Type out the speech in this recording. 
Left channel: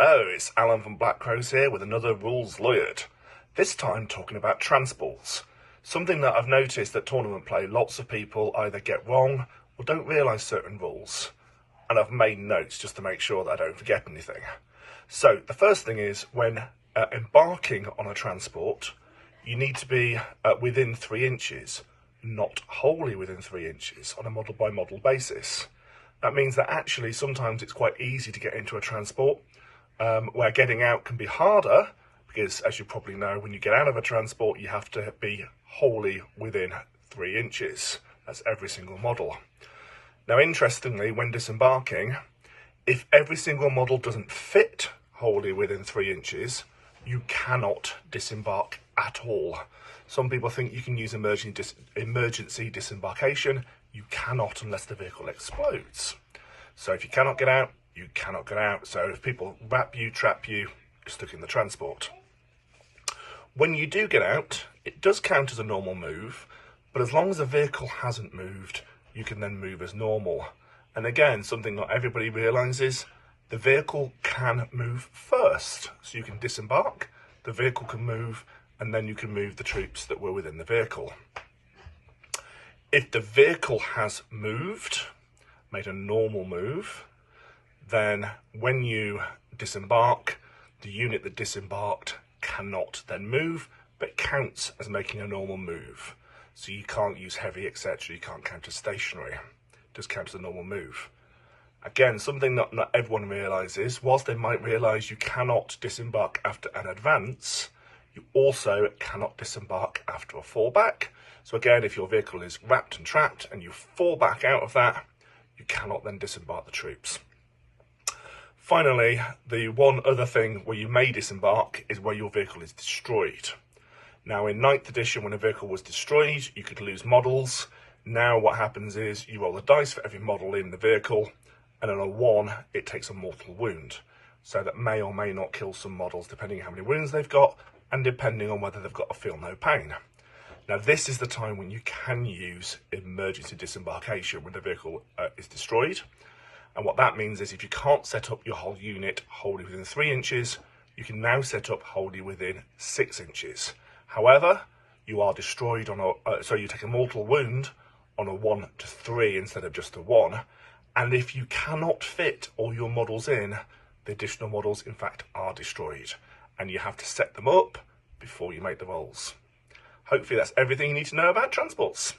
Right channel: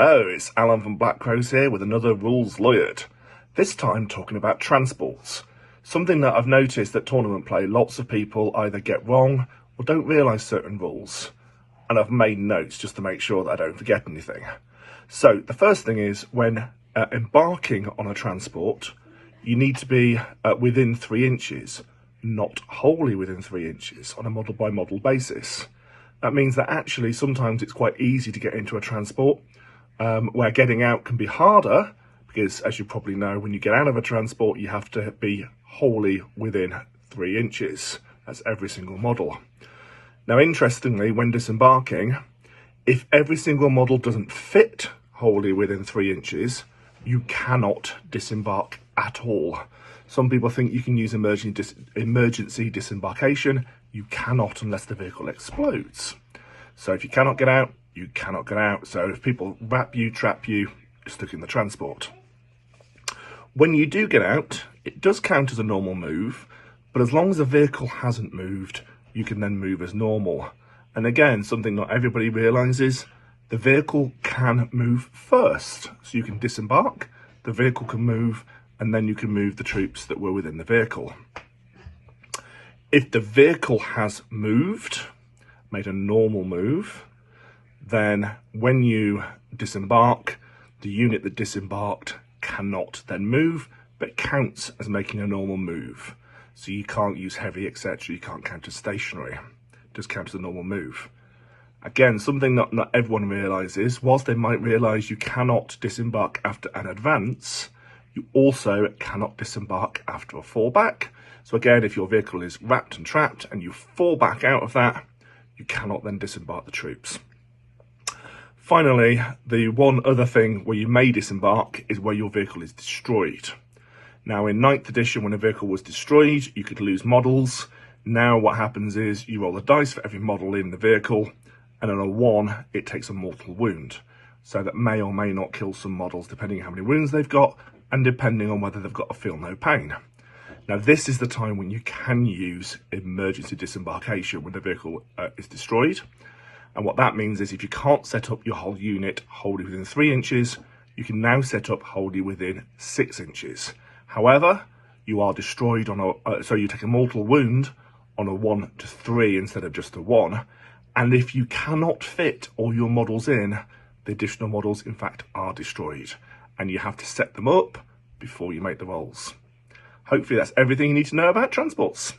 Hello, it's Alan from Black Crows here with another Rules Lawyered. This time talking about transports. Something that I've noticed that tournament play, lots of people either get wrong or don't realise certain rules. And I've made notes just to make sure that I don't forget anything. So the first thing is when embarking on a transport, you need to be within 3 inches, not wholly within 3 inches on a model by model basis. That means that actually sometimes it's quite easy to get into a transport where getting out can be harder because, as you probably know, when you get out of a transport you have to be wholly within 3 inches. That's every single model. Now interestingly, when disembarking, if every single model doesn't fit wholly within 3 inches, you cannot disembark at all. Some people think you can use emergency disembarkation. You cannot unless the vehicle explodes. So if you cannot get out, you cannot get out. So if people wrap you, trap you, you're stuck in the transport. When you do get out, it does count as a normal move, but as long as the vehicle hasn't moved, you can then move as normal. And again, something not everybody realises, the vehicle can move first. So you can disembark, the vehicle can move, and then you can move the troops that were within the vehicle. If the vehicle has moved, made a normal move, then when you disembark, the unit that disembarked cannot then move, but counts as making a normal move. So you can't use heavy, etc. You can't count as stationary. It does count as a normal move. Again, something not everyone realises, whilst they might realise you cannot disembark after an advance, you also cannot disembark after a fallback. So again, if your vehicle is wrapped and trapped and you fall back out of that, you cannot then disembark the troops. Finally, the one other thing where you may disembark is where your vehicle is destroyed. Now in 9th edition, when a vehicle was destroyed, you could lose models. Now what happens is you roll a dice for every model in the vehicle, and on a 1, it takes a mortal wound. So that may or may not kill some models depending on how many wounds they've got, and depending on whether they've got a feel no pain. Now this is the time when you can use emergency disembarkation when the vehicle is destroyed. And what that means is if you can't set up your whole unit wholly within 3 inches, you can now set up wholly within 6 inches. However, you are destroyed on so you take a mortal wound on a 1 to 3 instead of just a 1. And if you cannot fit all your models in, the additional models in fact are destroyed. And you have to set them up before you make the rolls. Hopefully that's everything you need to know about transports.